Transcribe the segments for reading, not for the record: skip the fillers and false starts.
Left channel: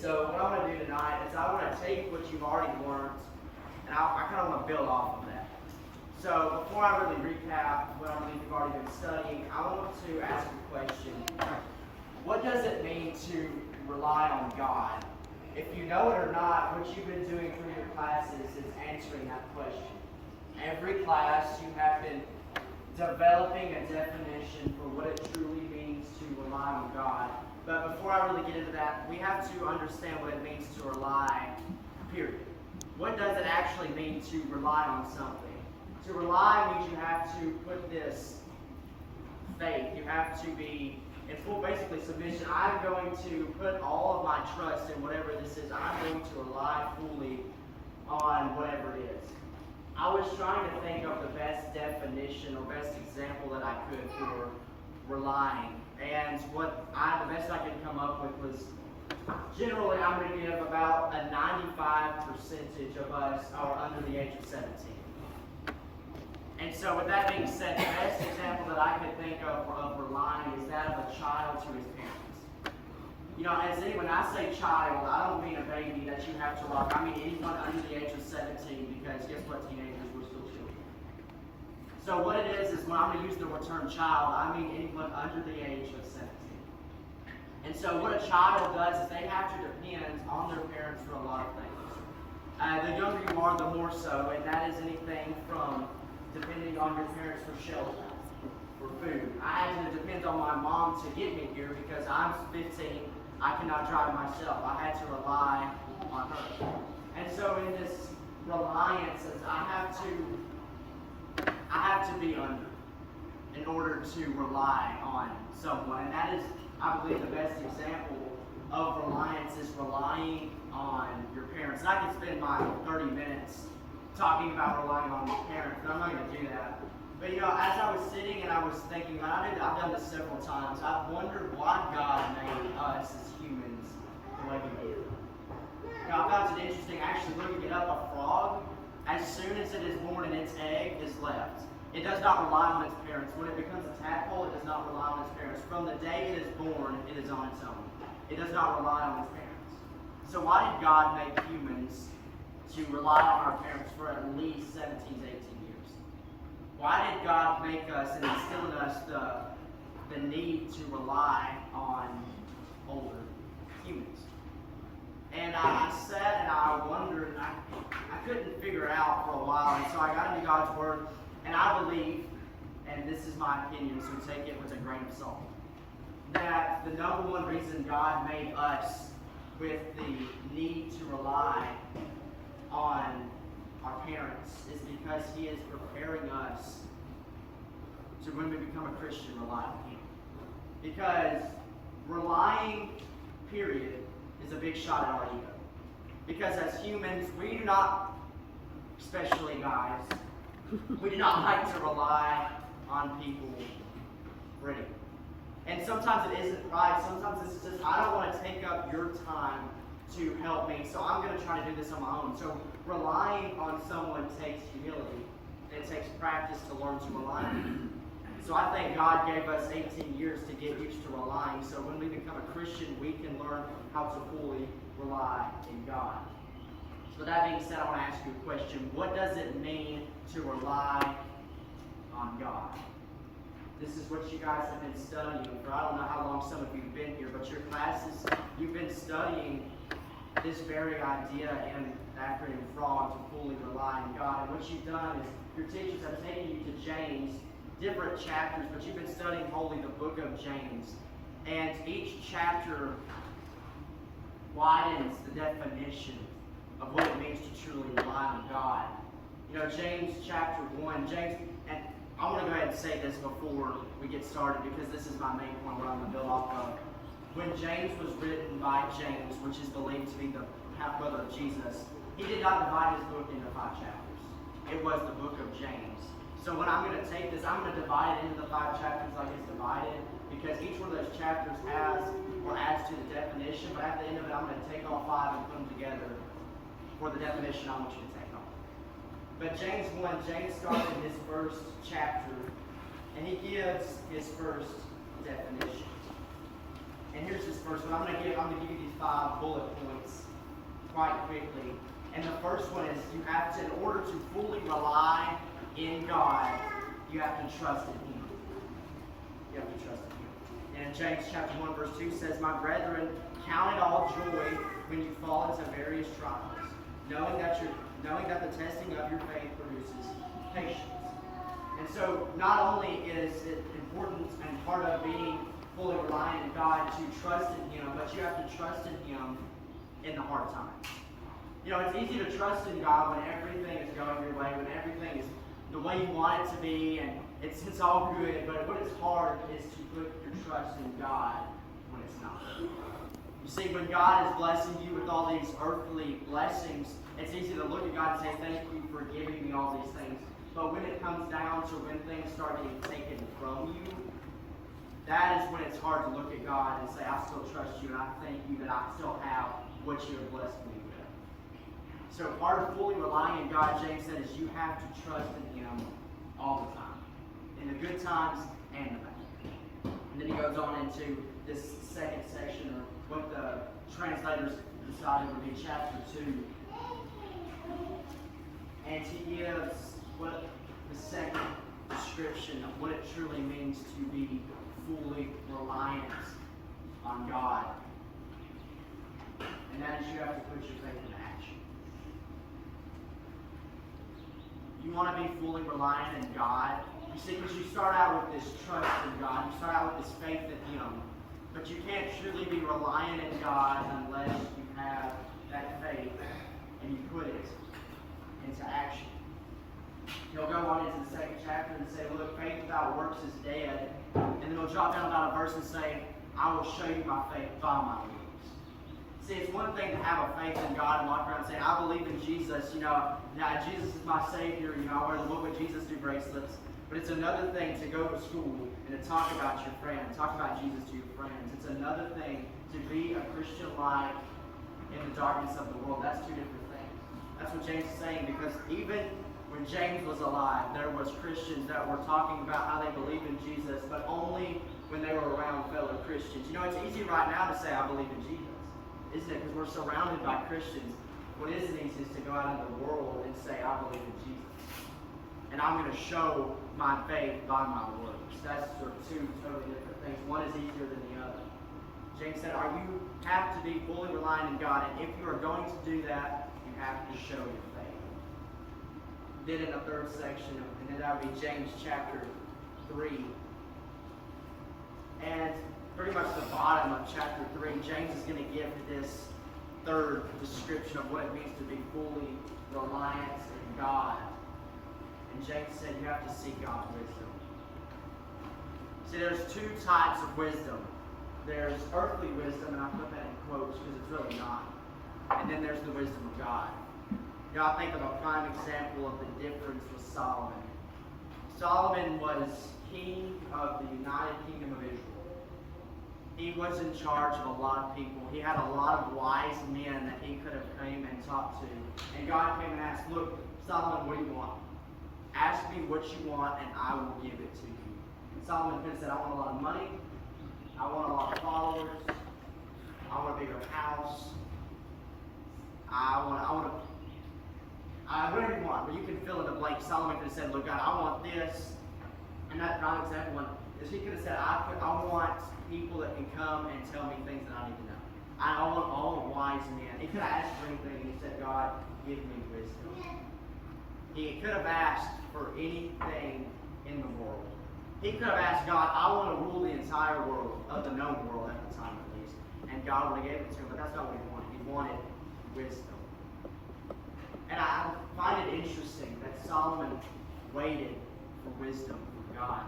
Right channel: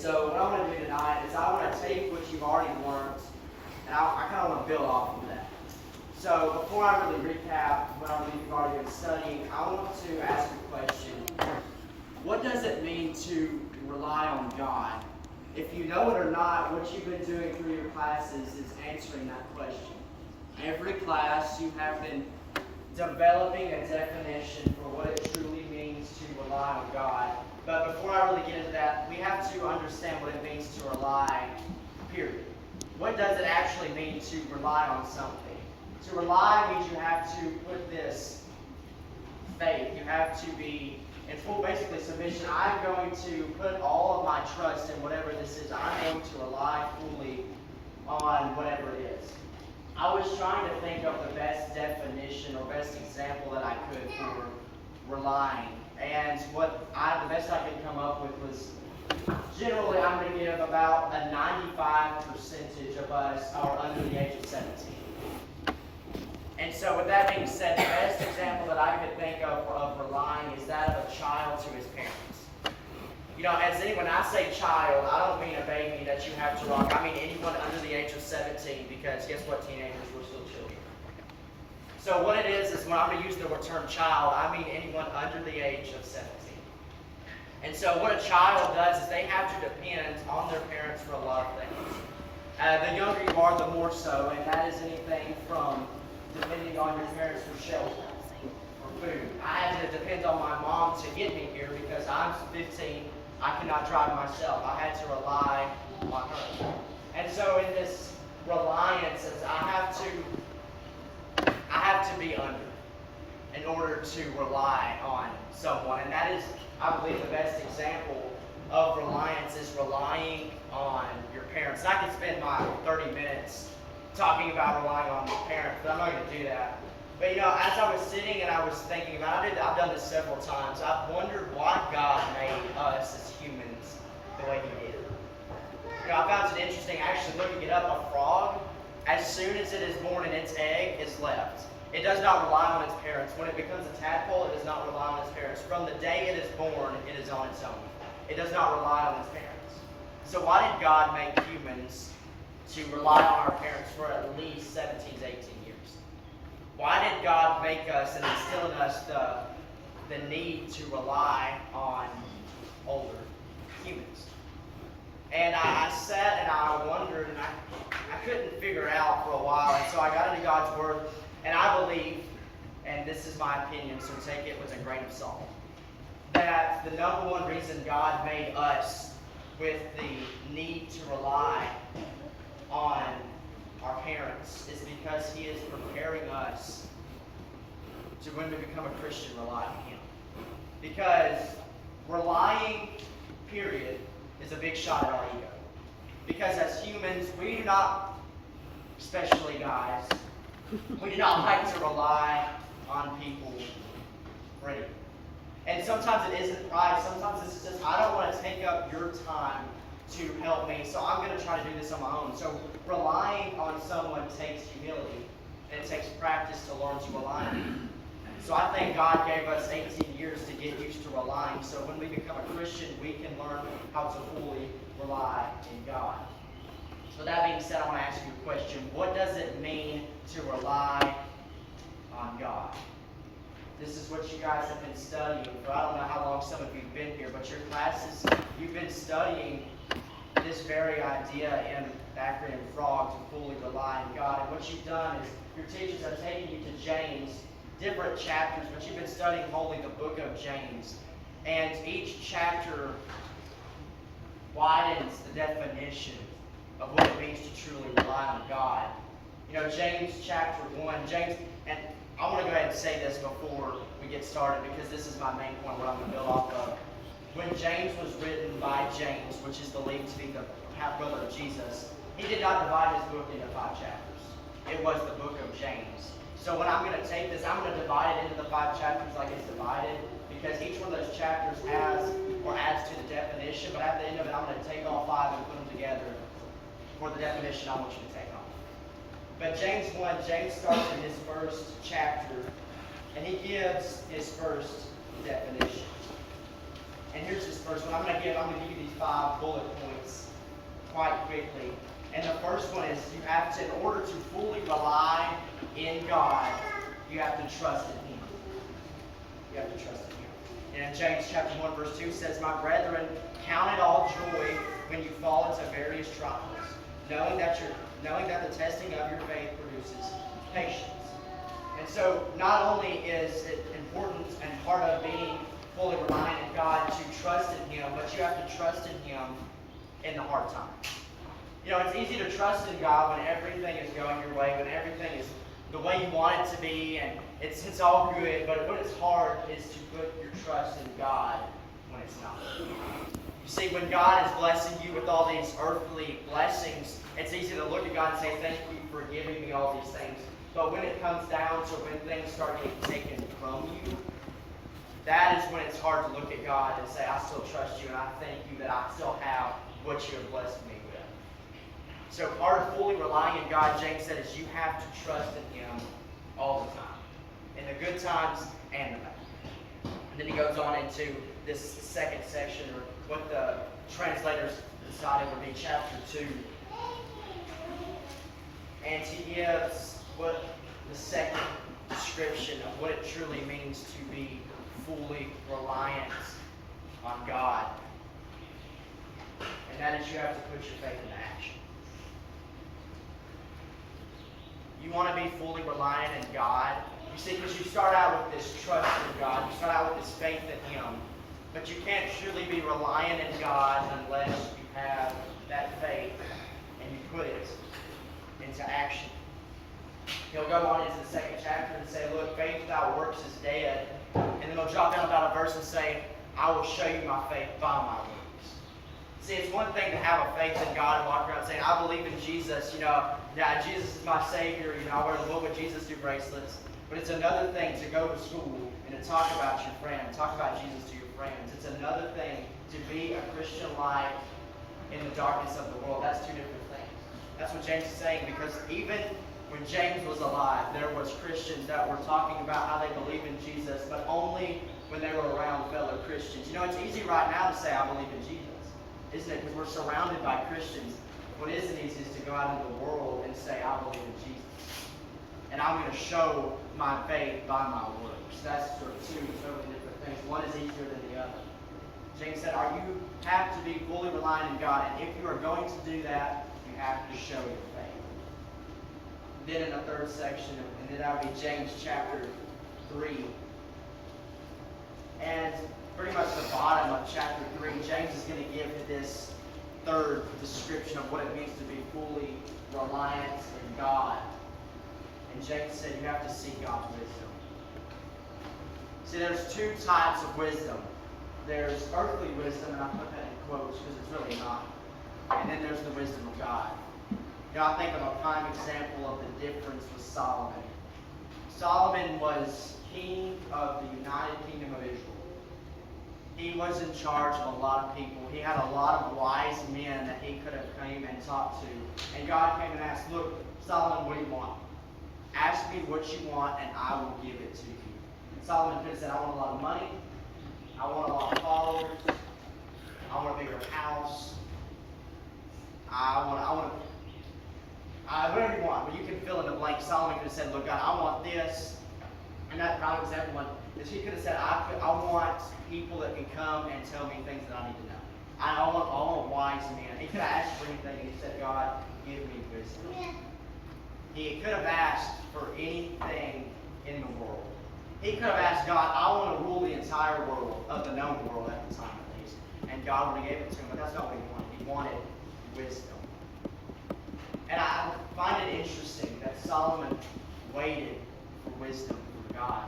So what I'm going to do tonight is I want to take what you've already learned, and I kind of want to build off of that. So before I really recap what you've already been studying, I want to ask you a question. What does it mean to rely on God? If you know it or not, what you've been doing through your classes is answering that question. Every class you have been developing a definition for what it truly means to rely on God. But before I really get into that, we have to understand what it means to rely, period. What does it actually mean to rely on something? To rely means you have to put this faith. You have to be in full, basically, submission. I'm going to put all of my trust in whatever this is. I'm going to rely fully on whatever it is. I was trying to think of the best definition or best example that I could for relying. And the best I could come up with was, generally I'm going to give about a 95% of us are under the age of 17. And so with that being said, the best example that I could think of relying is that of a child to his parents. You know, when I say child, I don't mean a baby that you have to rock. I mean anyone under the age of 17, because guess what, teenagers, we're still children. So what it is when I'm going to use the term child, I mean anyone under the age of 17. And so what a child does is they have to depend on their parents for a lot of things. The younger you are, the more so, and that is anything from depending on your parents for shelter, for food. I had to depend on my mom to get me here because I'm 15. I cannot drive myself. I had to rely on her. And so in this reliance, I have to be under in order to rely on someone. And that is, I believe, the best example of reliance is relying on your parents. And I could spend my 30 minutes talking about relying on your parents, but I'm not going to do that. But as I was sitting and I was thinking about it, I've done this several times. I've wondered why God made us as humans the way He did. I found it interesting, actually looking it up. A frog, as soon as it is born and its egg is left, it does not rely on its parents. When it becomes a tadpole, it does not rely on its parents. From the day it is born, it is on its own. It does not rely on its parents. So why did God make humans to rely on our parents for at least 17 to 18 years? Why did God make us and instill in us the need to rely on older humans? And I sat and I wondered, and I couldn't figure it out for a while. And so I got into God's Word, and I believe, and this is my opinion, so take it with a grain of salt, that the number one reason God made us with the need to rely on our parents is because He is preparing us to, when we become a Christian, rely on Him. Because relying, period, is a big shot at our ego. Because as humans, we do not, especially guys, we do not like to rely on people for anything. And sometimes it isn't pride. Sometimes it's just, I don't want to take up your time to help me, so I'm going to try to do this on my own. So relying on someone takes humility, and it takes practice to learn to rely on Him. So I think God gave us 18 years to get used to relying, so when we become a Christian, we can learn how to fully rely in God. So that being said, I'm going to ask you a question. What does it mean to rely on God? This is what you guys have been studying for. I don't know how long some of you have been here, but your classes, you've been studying this very idea in the acronym FROG, to fully rely on God. And what you've done is your teachers have taken you to James, different chapters, but you've been studying wholly the book of James. And each chapter widens the definition of what it means to truly rely on God. James chapter 1, and I want to go ahead and say this before we get started, because this is my main point, what I'm going to build off of. When James was written by James, which is believed to be the half-brother of Jesus, he did not divide his book into 5 chapters. It was the book of James. So when I'm going to take this, I'm going to divide it into the 5 chapters like it's divided, because each one of those chapters has or adds to the definition, but at the end of it, I'm going to take all 5 and put them together for the definition I want you to take on. But James 1, James starts in his first chapter, and he gives his first definition. And here's his first one. I'm going to give you these 5 bullet points quite quickly. And the first one is you have to, in order to fully rely in God, you have to trust in Him. You have to trust in Him. And James chapter 1 verse 2 says, "My brethren, count it all joy when you fall into various trials, knowing that the testing of your faith produces patience." And so not only is it important and part of being fully reliant in God to trust in Him, but you have to trust in Him in the hard times. You know, it's easy to trust in God when everything is going your way, when everything is the way you want it to be, and it's all good. But what is hard is to put your trust in God when it's not. You see, when God is blessing you with all these earthly blessings, it's easy to look at God and say, "Thank you for giving me all these things." But when it comes down to when things start getting taken from you, that is when it's hard to look at God and say, "I still trust you, and I thank you that I still have what you have blessed me with." So part of fully relying in God, James said, is you have to trust in Him all the time, in the good times and the bad. And then he goes on into this second section, or what the translators decided would be chapter 2. And he gives what the second description of what it truly means to be fully reliant on God. And that is you have to put your faith in action. You want to be fully reliant in God. You see, because you start out with this trust in God. You start out with this faith in Him. But you can't truly be reliant in God unless you have that faith and you put it into action. He'll go on into the second chapter and say, "Look, faith without works is dead." And then he'll drop down about a verse and say, "I will show you my faith by my works." See, it's one thing to have a faith in God and walk around saying, "I believe in Jesus, yeah, Jesus is my Savior, I wear the What Would Jesus Do bracelets." But it's another thing to go to school and to talk about your friend, talk about Jesus to your friends. It's another thing to be a Christian light in the darkness of the world. That's two different things. That's what James is saying, because even when James was alive, there was Christians that were talking about how they believe in Jesus, but only when they were around fellow Christians. It's easy right now to say, "I believe in Jesus," isn't it? Because we're surrounded by Christians. What isn't easy is to go out into the world and say, "I believe in Jesus, and I'm going to show my faith by my works." That's sort of two totally different things. One is easier than the other. James said, you have to be fully reliant in God, and if you are going to do that, you have to show your faith. Then in the third section, and then that would be James chapter 3. And pretty much the bottom of chapter 3, James is going to give this third description of what it means to be fully reliant in God. And James said you have to seek God's wisdom. See, there's two types of wisdom. There's earthly wisdom, and I put that in quotes because it's really not. And then there's the wisdom of God. I think of a prime example of the difference with Solomon. Solomon was king of the United Kingdom of Israel. He was in charge of a lot of people. He had a lot of wise men that he could have came and talked to. And God came and asked, "Look, Solomon, what do you want? Ask me what you want, and I will give it to you." And Solomon could have said, "I want a lot of money. I want a lot of followers. I want a bigger house. Whatever you want." But you can fill in the blank. Solomon could have said, "Look, God, I want this." And that prime example one is he could have said, I want people that can come and tell me things that I need to know. I want wise men. He could have asked for anything, and he said, "God, give me wisdom." He could have asked for anything in the world. He could have asked God, "I want to rule the entire world," of the known world at the time at least. And God would have gave it to him, but that's not what he wanted. He wanted wisdom. And I find it interesting that Solomon waited for wisdom from God.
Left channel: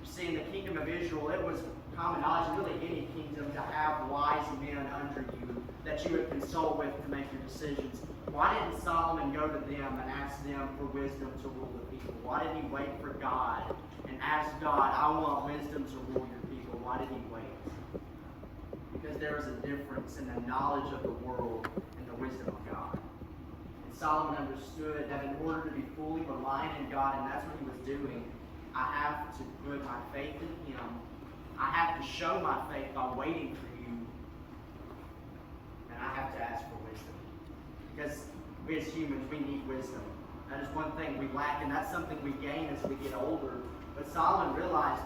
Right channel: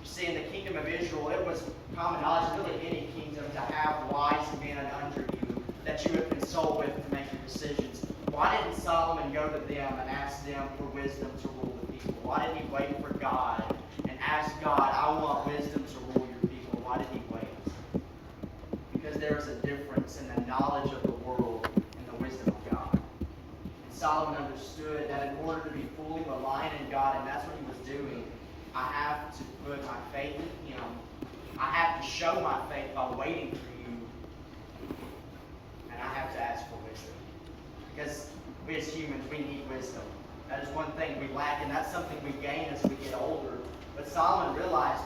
You see, in the kingdom of Israel, it was common knowledge, really any kingdom, to have wise men under you that you would consult with to make your decisions. Why didn't Solomon go to them and ask them for wisdom to rule the people? Why did he wait for God and ask God, "I want wisdom to rule your people"? Why did he wait? Because there is a difference in the knowledge of the world and the wisdom of God. And Solomon understood that in order to be fully reliant in God, and that's what he was doing, I have to put my faith in Him. I have to show my faith by waiting for you Because we as humans, we need wisdom. That is one thing we lack, and that's something we gain as we get older. But Solomon realized,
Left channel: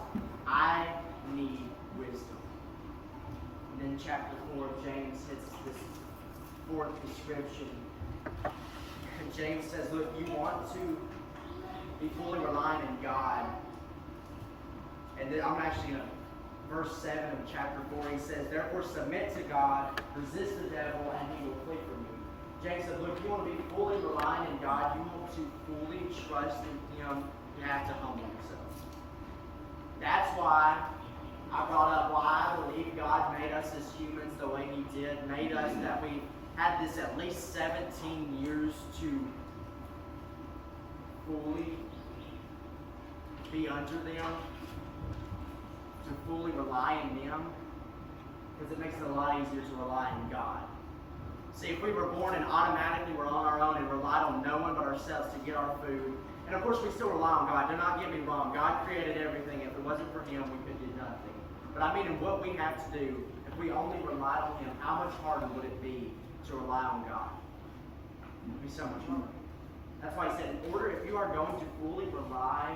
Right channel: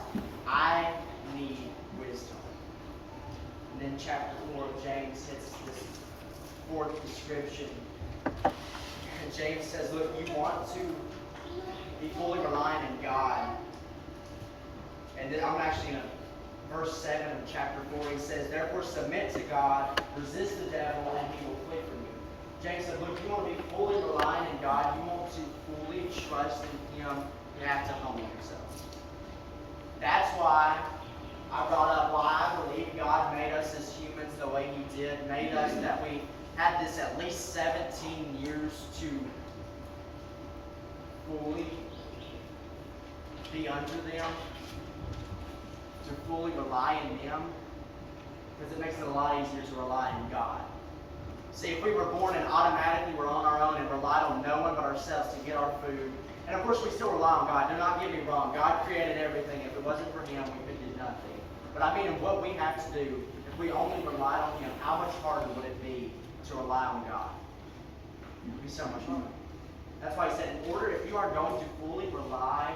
I need wisdom. And then chapter 4 of James hits this fourth description. And James says, look, you want to be fully reliant in God. And then I'm actually going to, verse 7 of chapter 4, he says, therefore submit to God, resist the devil, and he will flee from you. James said, look, you want to be fully reliant in God, you want to fully trust in Him, you have to humble yourself. That's why I brought up why I believe God made us as humans the way He did, made us that we had this at least 17 years to fully be under them, to fully rely on them, because it makes it a lot easier to rely on God. See, if we were born and automatically were on our own and relied on no one but ourselves to get our food, and of course we still rely on God, do not get me wrong, God created everything. If it wasn't for Him, we could do nothing. But I mean, what we have to do, if we only relied on Him, how much harder would it be to rely on God? It would be so much harder. That's why He said, in order, if you are going to fully rely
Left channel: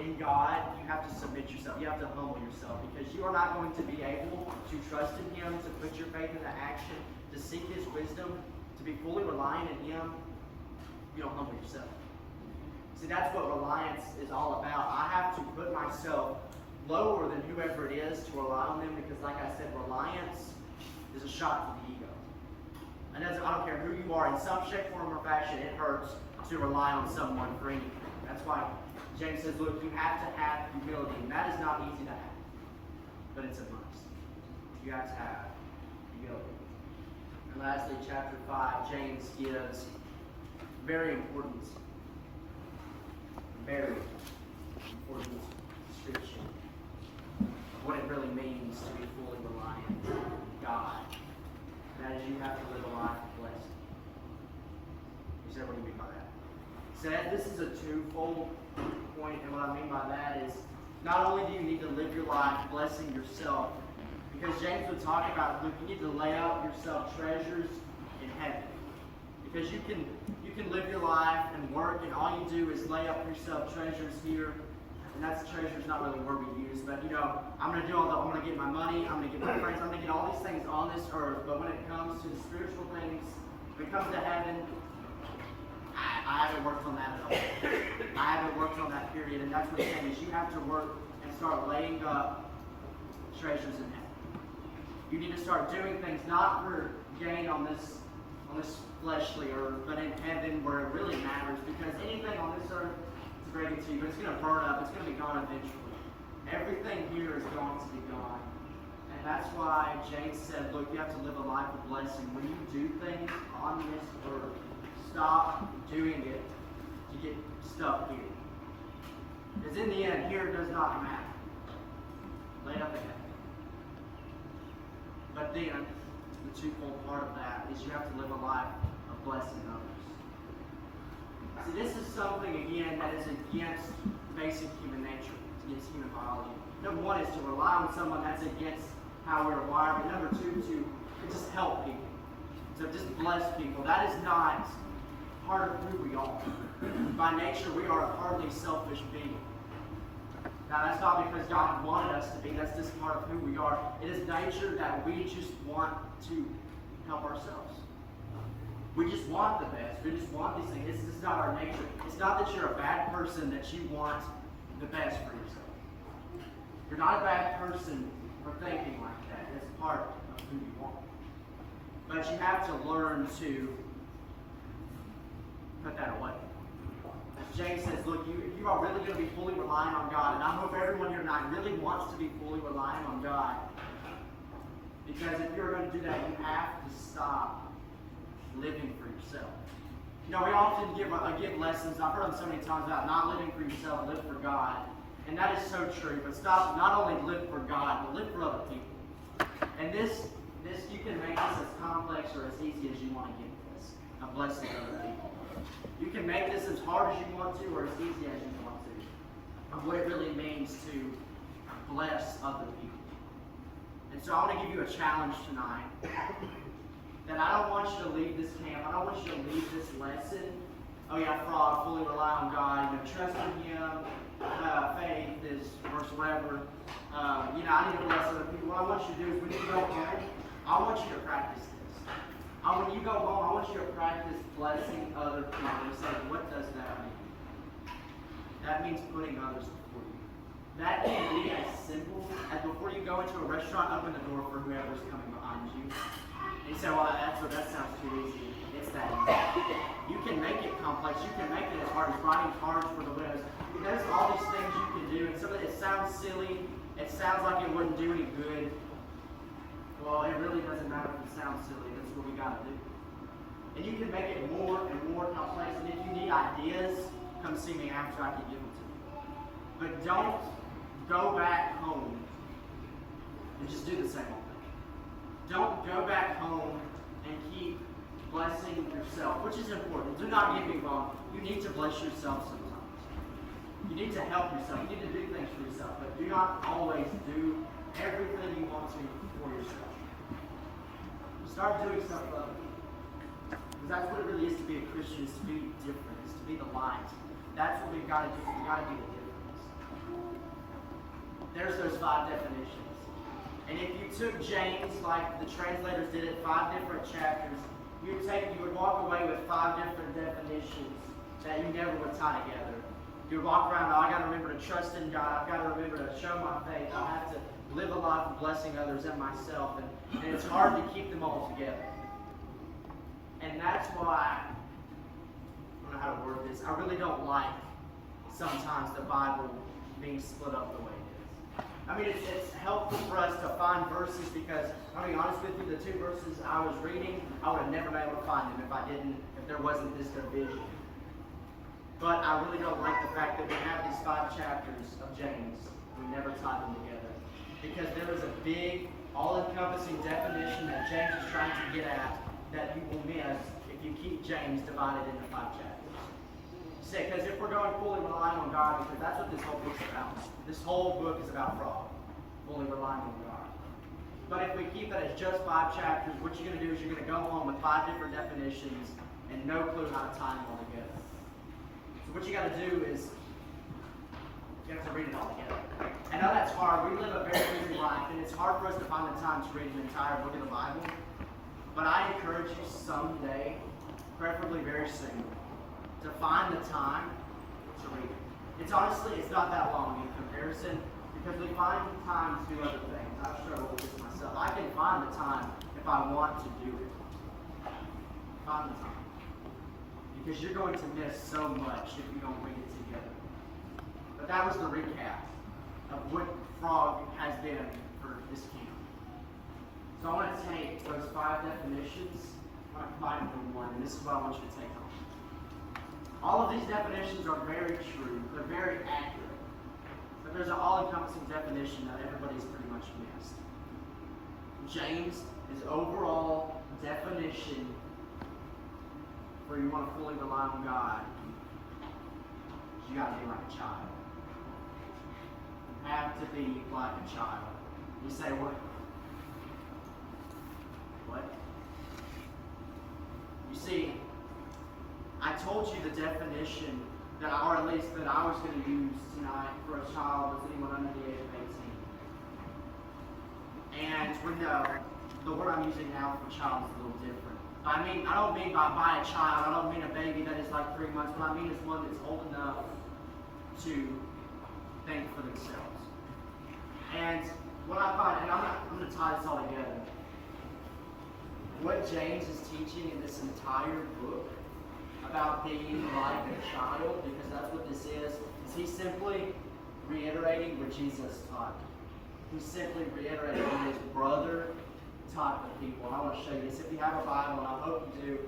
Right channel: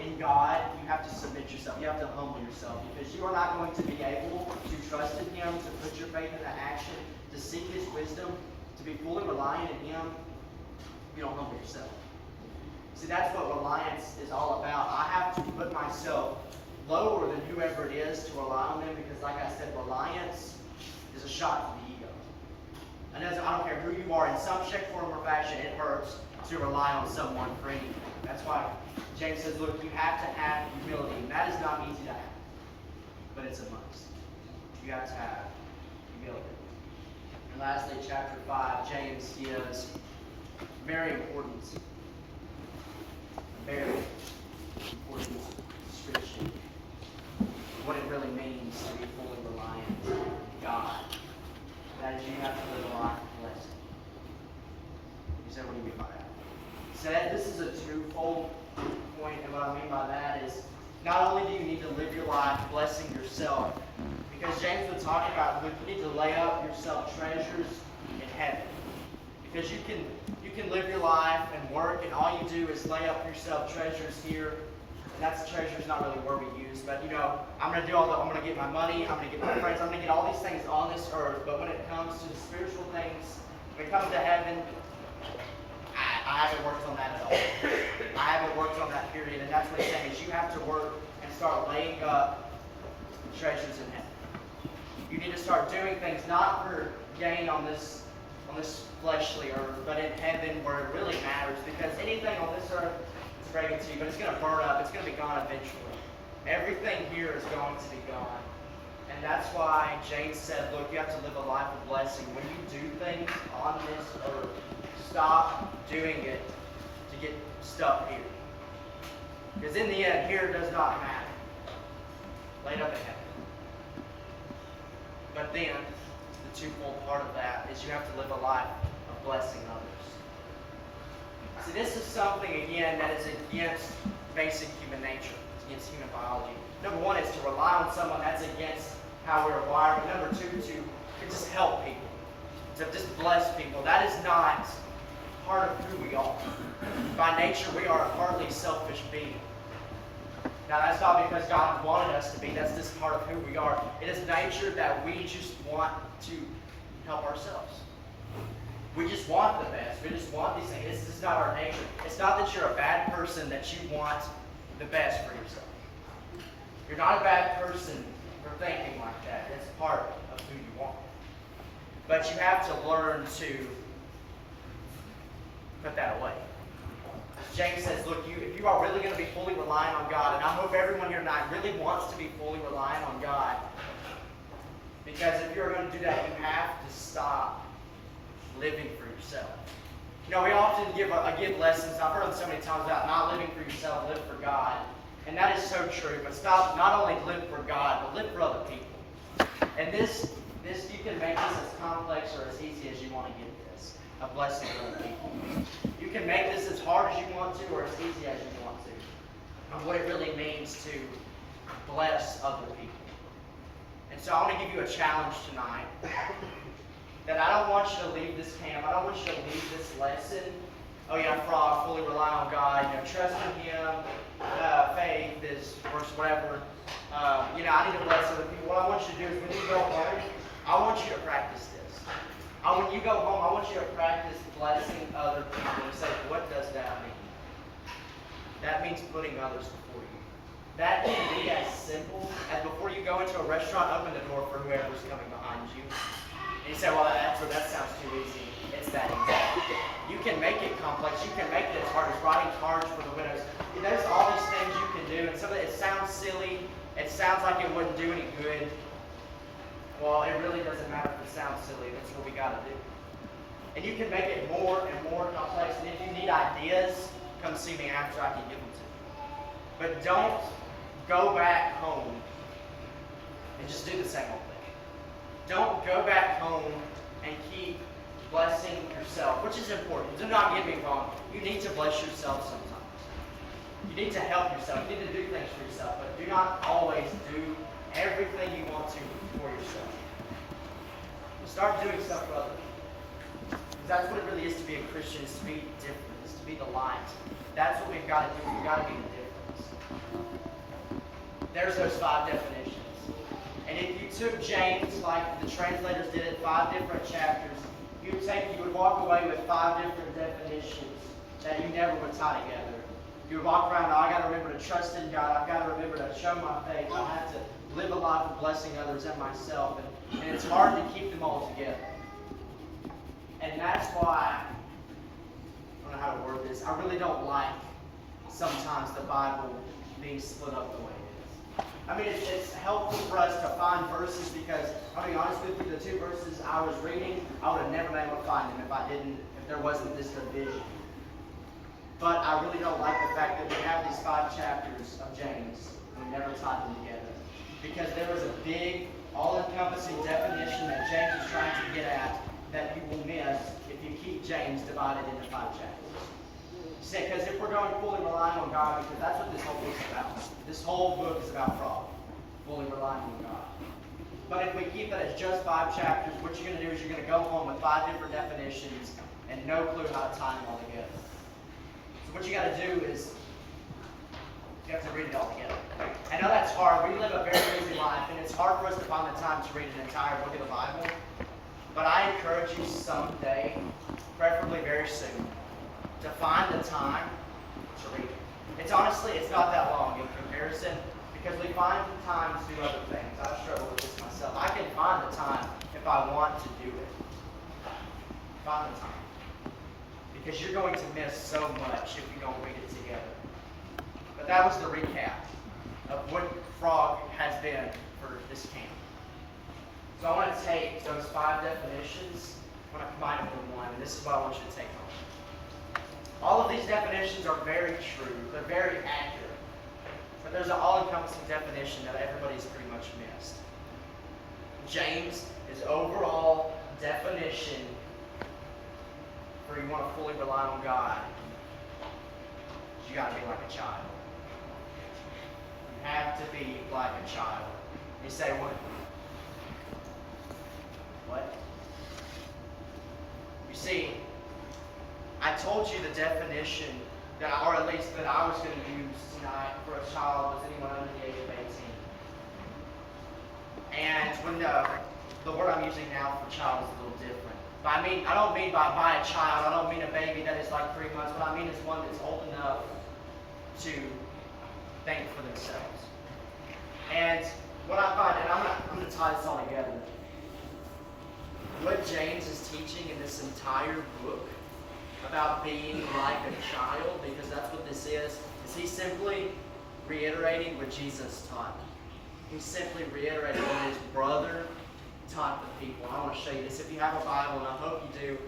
in God, you have to submit yourself. You have to humble yourself, because you are not going to be able to trust in Him, to put your faith into action, to seek His wisdom, to be fully reliant in Him. You don't humble yourself. See, that's what reliance is all about. I have to put myself lower than whoever it is to rely on them, because like I said, reliance is a shot to the ego. And I don't care who you are, in some shape, form, or fashion, it hurts to rely on someone for anything. That's why James says, look, you have to have humility, and that is not easy to have, but it's a must. You have to have humility. And lastly, chapter 5, James gives very important description of what it really means to be fully reliant on God. That is, you have to live a life of blessing. You say, what do you mean by that? Said this is a twofold point, and what I mean by that is, not only do you need to live your life blessing yourself, because James would talk about, you need to lay up yourself treasures in heaven. Because you can live your life and work, and all you do is lay up yourself treasures here, and that's treasure's not really word we use, but I'm going to do I'm going to get my money, I'm going to get my friends, I'm going to get all these things on this earth, but when it comes to the spiritual things, when it comes to heaven, I haven't worked on that at all. I haven't worked on that period, and that's what he's saying, is you have to work and start laying up treasures in heaven. You need to start doing things not for gain on this fleshly earth, but in heaven where it really matters, because anything on this earth, to break it to you, but it's going to burn up, it's going to be gone eventually. Everything here is going to be gone. And that's why James said, look, you have to live a life of blessing. When you do things on this earth, stop doing it to get stuff here. Because in the end, here does not matter. Laid up in heaven. But then, the twofold part of that is you have to live a life of blessing others. See, this is something, again, that is against basic human nature. It's against human biology. Number one is to rely on someone. That's against how we're wired. But number two, to just help people. To just bless people. That is not part of who we are. By nature, we are a partly selfish being. Now, that's not because God wanted us to be. That's just part of who we are. It is nature that we just want to help ourselves. We just want the best. We just want these things. This is not our nature. It's not that you're a bad person that you want the best for yourself. You're not a bad person for thinking like that. It's part of who you are. But you have to learn to put that away. James says, look, if you are really going to be fully reliant on God, and I hope everyone here tonight really wants to be fully reliant on God, because if you're going to do that, you have to stop living for yourself. We often give lessons, I've heard them so many times about not living for yourself, live for God. And that is so true, but stop, not only live for God, but live for other people. And this you can make this as complex or as easy as you want to get this, a blessing for other people. You can make this as hard as you want to or as easy as you want to. And what it really means to bless other people. And so I want to give you a challenge tonight. that I don't want you to leave this camp, I don't want you to leave this lesson, oh yeah, frog, fully rely on God, trust in Him, faith is worse, whatever. I need to bless other people. What I want you to do is when you go home, I want you to practice this. When you go home, I want you to practice blessing other people. You say, what does that mean? That means putting others before you. That can be as simple as before you go into a restaurant, open the door for whoever's coming behind you. And you say, well, that sounds too easy. It's that easy. You can make it complex. You can make it as hard as writing cards for the widows. There's all these things you can do, and some of it sounds silly. It sounds like it wouldn't do any good. Well, it really doesn't matter if it sounds silly. That's what we got to do. And you can make it more and more complex. And if you need ideas, come see me after. I can give them to you. But don't go back home and just do the same old thing. Don't go back home and keep blessing yourself, which is important. Do not get me wrong. You need to bless yourself sometimes. You need to help yourself. You need to do things for yourself, but do not always do everything you want to for yourself. Start doing stuff for others. Because that's what it really is to be a Christian, is to be different, is to be the light. That's what we've got to do. We've got to be the difference. There's those 5 definitions. And if you took James, like the translators did it, 5 different chapters, you would walk away with 5 different definitions that you never would tie together. You would walk around, I got to remember to trust in God. I've got to remember to show my faith. I have to live a life of blessing others and myself. And it's hard to keep them all together. And that's why, I don't know how to word this, I really don't like sometimes the Bible being split up the way it is. I mean, it's helpful for us to find verses because, I'll be honest with you, the 2 verses I was reading, I would have never been able to find them if there wasn't this division. But I really don't like the fact that we have these 5 chapters of James and we never tied them together. Because there was a big, all-encompassing definition that James is trying to get at that you will miss if you keep James divided into 5 chapters. Because if we're going fully relying on God, because that's what this whole book's about. This whole book is about fraud, fully relying on God. But if we keep it as just 5 chapters, what you're going to do is you're going to go home with 5 different definitions and no clue how to tie them all together. So what you got to do is you have to read it all together. I know that's hard. We live a very busy life, and it's hard for us to find the time to read an entire book of the Bible. But I encourage you someday, preferably very soon, to find the time to read it. It's not that long in comparison, because we find time to do other things. I struggle with this myself. I can find the time if I want to do it. Find the time. Because you're going to miss so much if you don't read it together. But that was the recap of what Frog has been for this camp. So I want to take those 5 definitions, I want to combine them into one, and this is what I want you to take home. All of these definitions are very true, they're very accurate. But there's an all-encompassing definition that everybody's pretty much missed. James' overall definition for you want to fully rely on God is you got to be like a child. You have to be like a child. You say, what? What? You see, I told you the definition or at least that I was going to use tonight for a child was anyone under the age of 18. And when the word I'm using now for child is a little different. But I don't mean by a child, I don't mean a baby that is like 3 months. What I mean is one that's old enough to think for themselves. And what I find, and I'm going to tie this all together. What James is teaching in this entire book about being like a child, because that's what this is he simply reiterating what Jesus taught. He's simply reiterating what his brother taught the people. And I want to show you this. If you have a Bible, and I hope you do,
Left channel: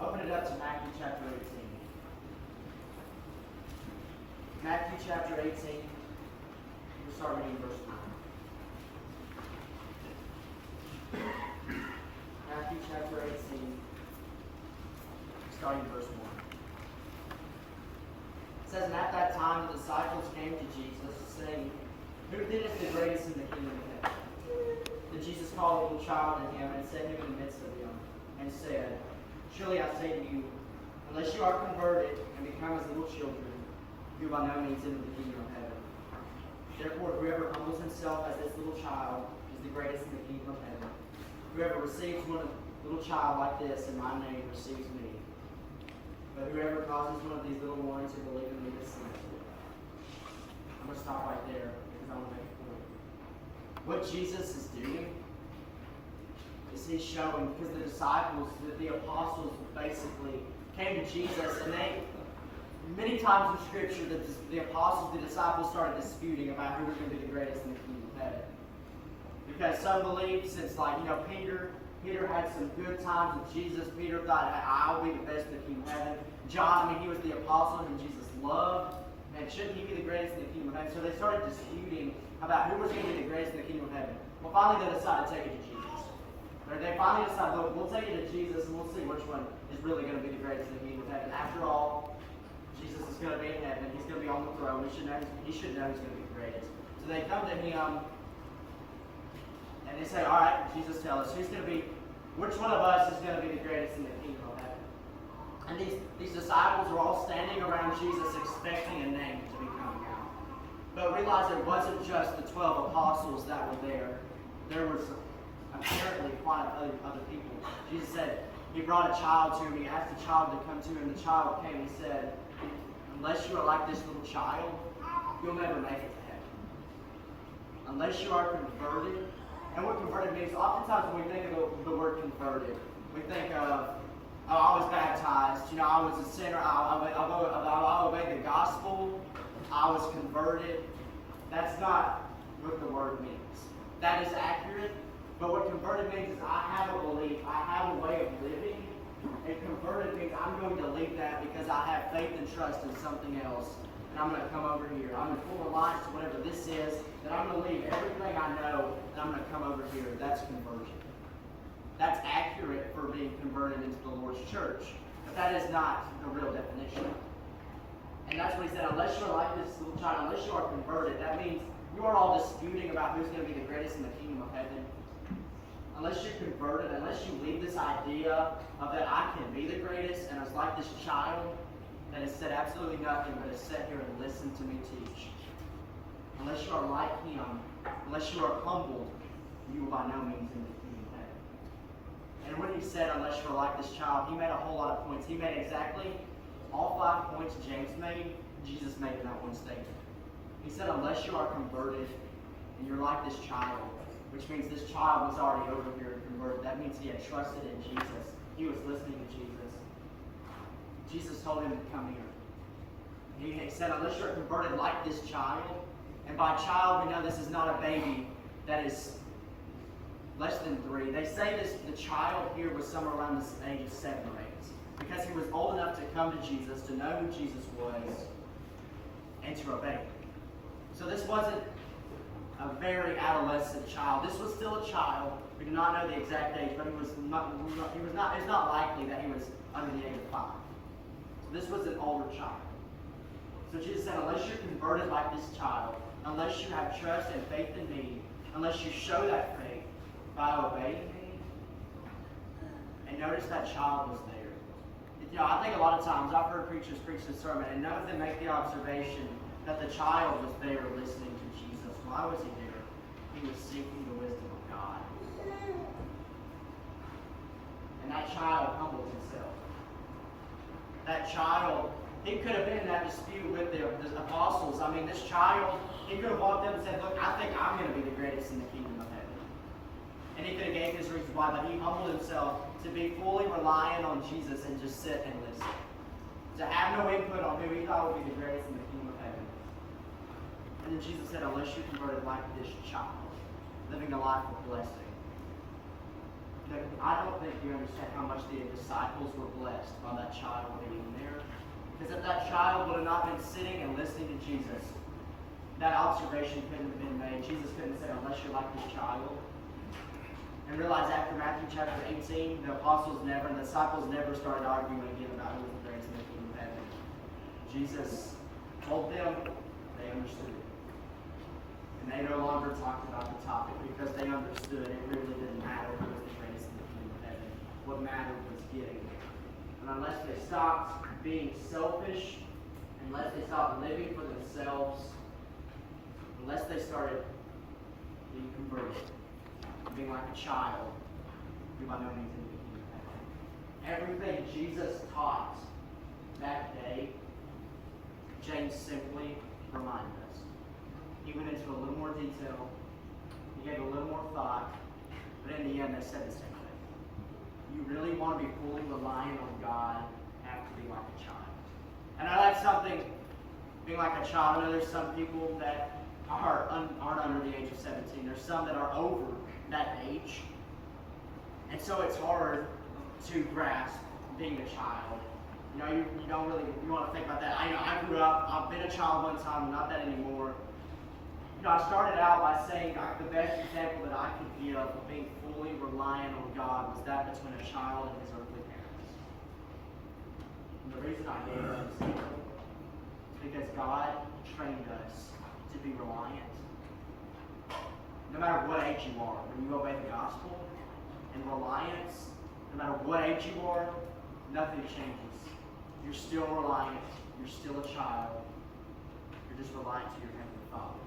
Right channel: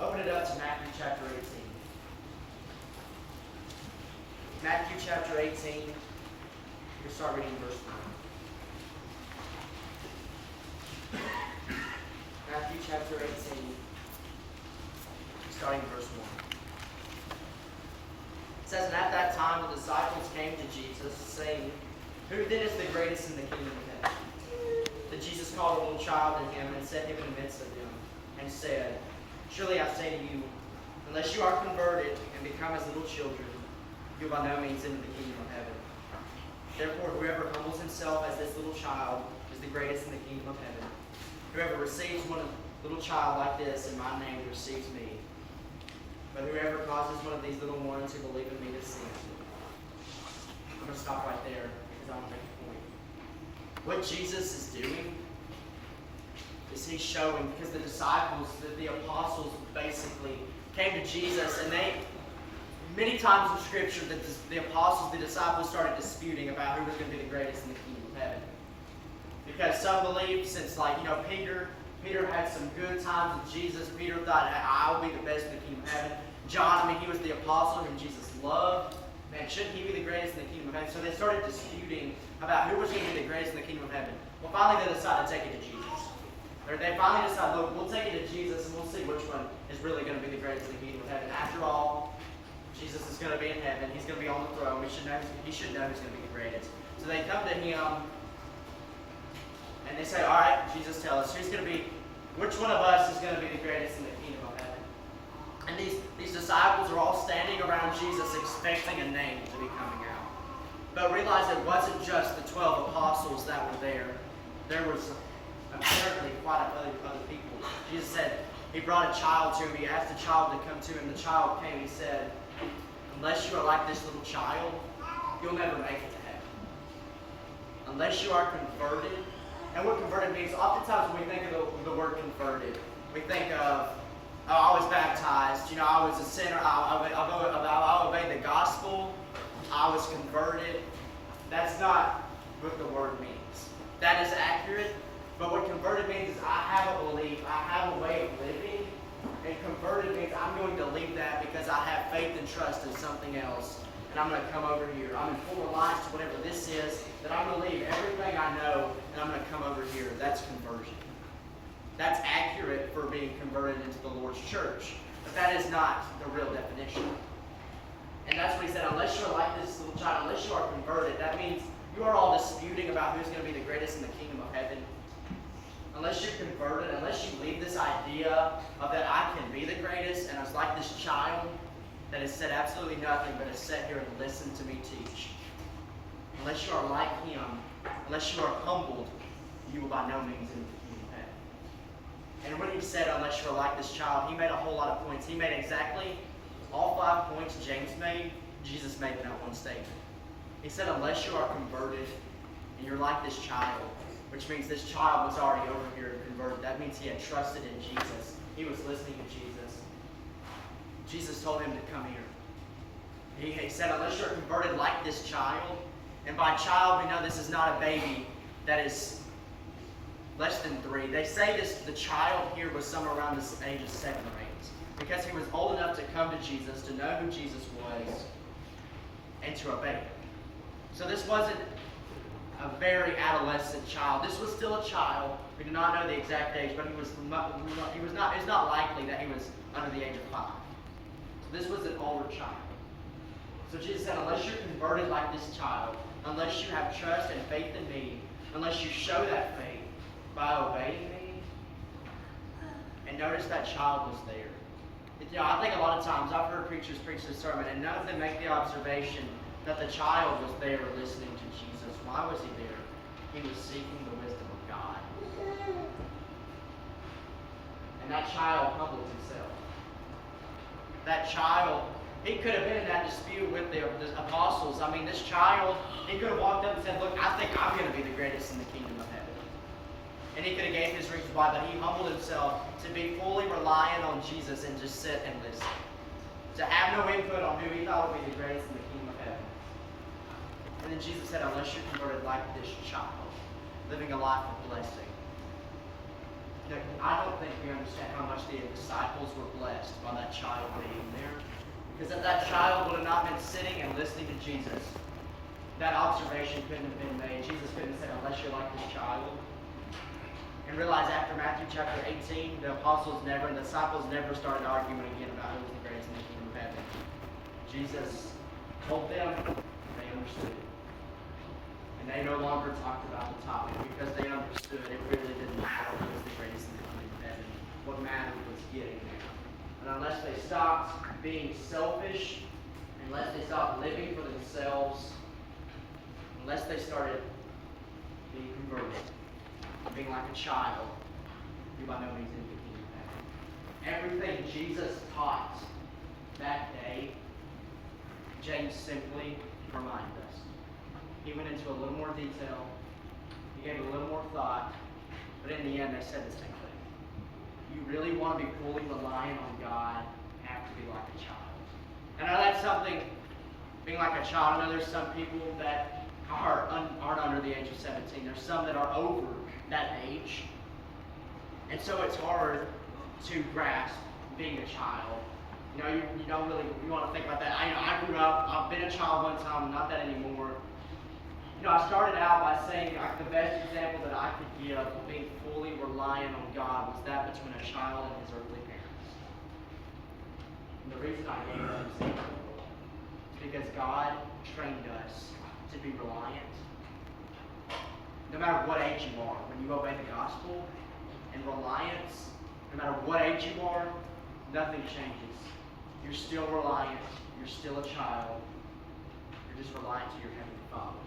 open it up to Matthew chapter 18. Matthew chapter 18. We'll start reading verse 1. Matthew chapter 18, starting in verse 1. It says, and at that time the disciples came to Jesus, saying, who then is the greatest in the kingdom of heaven? Then Jesus called a little child to him and set him in the midst of them, and and said, Truly I say to you, unless you are converted and become as little children, you will by no means enter the kingdom of heaven. Therefore, whoever humbles himself as this little child is the greatest in the kingdom of heaven. Whoever receives one little child like this in my name receives me. But whoever causes one of these little ones who believe in me to sin. I'm going to stop right there because I want to make a point. What Jesus is doing is he's showing, because the disciples, the apostles basically came to Jesus, and they, many times in Scripture, the apostles, the disciples started disputing about who was going to be the greatest in the kingdom of heaven. Because some believed, since Peter had some good times with Jesus. Peter thought, I'll be the best in the kingdom of heaven. John, he was the apostle whom Jesus loved. Man, shouldn't he be the greatest in the kingdom of heaven? So they started disputing about who was going to be the greatest in the kingdom of heaven. Well, finally they decided to take it to Jesus. Or they finally decided, look, we'll take it to Jesus and we'll see which one is really going to be the greatest in the kingdom of heaven. After all, Jesus is going to be in heaven. He's going to be on the throne. He should know who's going to be the greatest. So they come to him and they say, all right, Jesus, tell us, which one of us is going to be the greatest in the kingdom of heaven? And these disciples are all standing around Jesus expecting a name to be coming out. But realize it wasn't just the 12 apostles that were there. There was apparently quite a few other people. Jesus said, he brought a child to him. He asked the child to come to him. The child came. He said, unless you are like this little child, you'll never make it to heaven. Unless you are converted. And what converted means, oftentimes when we think of the word converted, we think of, I was baptized, I was a sinner, I obeyed the gospel, I was converted. That's not what the word means. That is accurate, but what converted means is I have a belief, I have a way of living, and converted means I'm going to leave that because I have faith and trust in something else, and I'm going to come over here. I'm in full reliance to whatever this is, that I'm going to leave everything I know, and I'm going to come over here. That's conversion. That's accurate for being converted into the Lord's church, but that is not the real definition. And that's what he said, unless you're like this little child, unless you are converted, that means you are all disputing about who's going to be the greatest in the kingdom of heaven. Unless you're converted, unless you leave this idea of that I can be the greatest, and I was like this child that has said absolutely nothing but has sat here and listened to me teach. Unless you are like him, unless you are humbled, you will by no means enter the kingdom of heaven. And when he said, unless you are like this child, he made a whole lot of points. He made exactly all 5 points James made, Jesus made in that one statement. He said, unless you are converted and you're like this child, which means this child was already over here converted. That means he had trusted in Jesus. He was listening to Jesus. Jesus told him to come here. He said, unless you're converted like this child, and by child we know this is not a baby that is less than 3. They say the child here was somewhere around the age of 7 or 8. Because he was old enough to come to Jesus, to know who Jesus was, and to obey him. So this wasn't a very adolescent child. This was still a child. We do not know the exact age, but it's not likely that he was under the age of 5. So this was an older child. So Jesus said, unless you're converted like this child, unless you have trust and faith in me, unless you show that faith by obeying me, and notice that child was there. I think a lot of times I've heard preachers preach this sermon, and none of them make the observation that the child was there listening to Jesus. Why was he there? He was seeking the wisdom of God. And that child humbled himself. That child, he could have been in that dispute with the apostles. I mean, this child, he could have walked up and said, look, I think I'm going to be the greatest in the kingdom of heaven. And he could have gave his reasons why, but he humbled himself to be fully reliant on Jesus and just sit and listen. To have no input on who he thought would be the greatest in the kingdom of heaven. And then Jesus said, unless you're converted like this child, living a life of blessing. I don't think we understand how much the disciples were blessed by that child being there. Because if that child would have not been sitting and listening to Jesus, that observation couldn't have been made. Jesus couldn't have said, unless you're like this child. And realize after Matthew chapter 18, the disciples never started arguing again about who was the greatest in the kingdom of heaven. Jesus told them, they understood. And they no longer talked about the topic because they understood it really didn't matter who was the greatest in the kingdom of heaven. What mattered getting there. And unless they stopped being selfish, unless they stopped living for themselves, unless they started being converted, being like a child, you're by no means in the kingdom of heaven. Everything Jesus taught that day, James simply reminded us. He went into a little more detail. He gave a little more thought. But in the end, they said the same thing. You really want to be fully reliant on God, you have to be like a child. And I know that's something, being like a child. I know there's some people that aren't under the age of 17. There's some that are over that age. And so it's hard to grasp being a child. You know, you don't really, you want to think about that. I grew up, I've been a child one time, not that anymore. You know, I started out by saying the best example that I could give of being fully reliant on God was that between a child and his earthly parents. And the reason I gave that example is because God trained us to be reliant. No matter what age you are, when you obey the gospel and reliance, no matter what age you are, nothing changes. You're still reliant. You're still a child. You're just reliant to your Heavenly Father.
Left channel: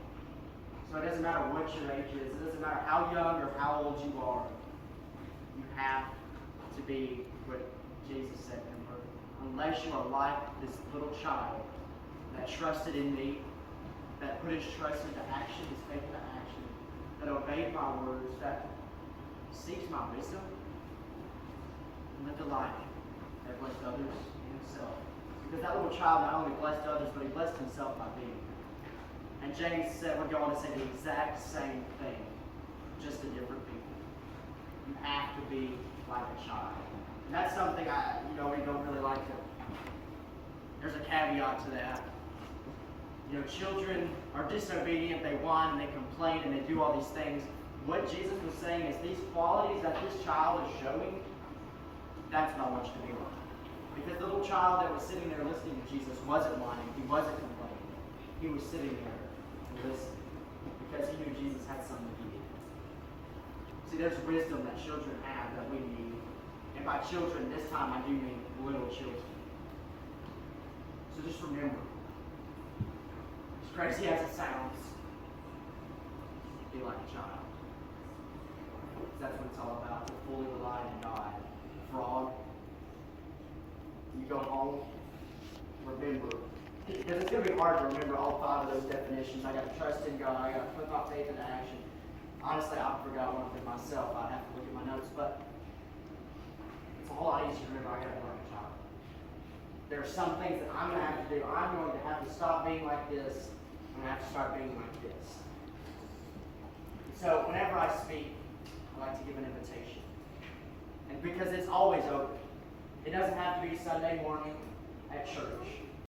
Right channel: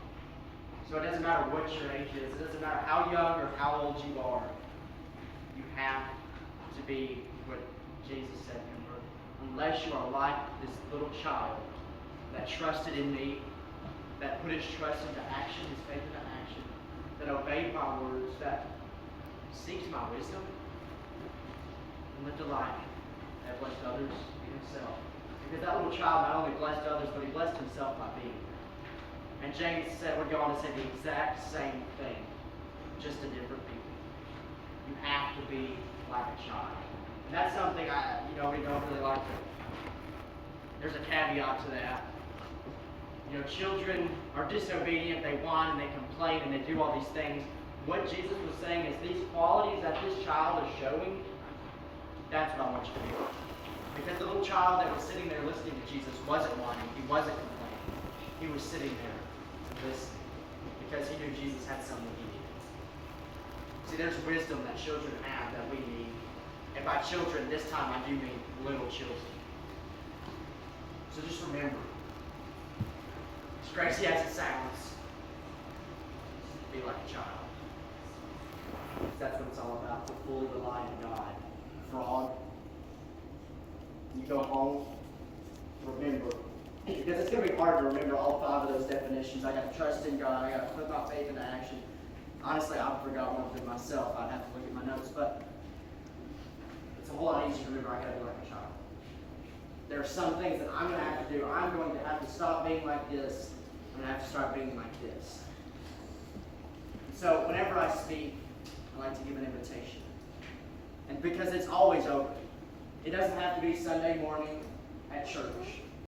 So it doesn't matter what your age is. It doesn't matter how young or how old you are. You have to be what Jesus said, unless you are like this little child that trusted in me, that put his trust into action, his faith into action, that obeyed my words, that seeks my wisdom, and lived a life that blessed others and himself. Because that little child not only blessed others, but he blessed himself by being there. And James would go on to say the exact same thing, just to different people. You have to be like a child. And that's something we don't really like to. There's a caveat to that. You know, children are disobedient, they whine and they complain and they do all these things. What Jesus was saying is these qualities that this child is showing, that's what I want you to be like. Because the little child that was sitting there listening to Jesus wasn't whining, he wasn't complaining. He was sitting there listening because he knew Jesus had something he needed. See, there's wisdom that children have that we need. And by children, this time I do mean little children. So just remember, as crazy as it sounds, be like a child. That's what it's all about, to fully rely on God. Frog. You go home, remember. Because it's going to be hard to remember all 5 of those definitions. I got to trust in God, I got to put my faith into action. Honestly, I forgot one of them myself. I'd have to look at my notes, but it's a whole lot easier to remember. I got to be like a child. There are some things that I'm going to have to do. I'm going to have to stop being like this. I'm going to have to start being like this. So whenever I speak, I like to give an invitation. And because it's always open. It doesn't have to be Sunday morning at church.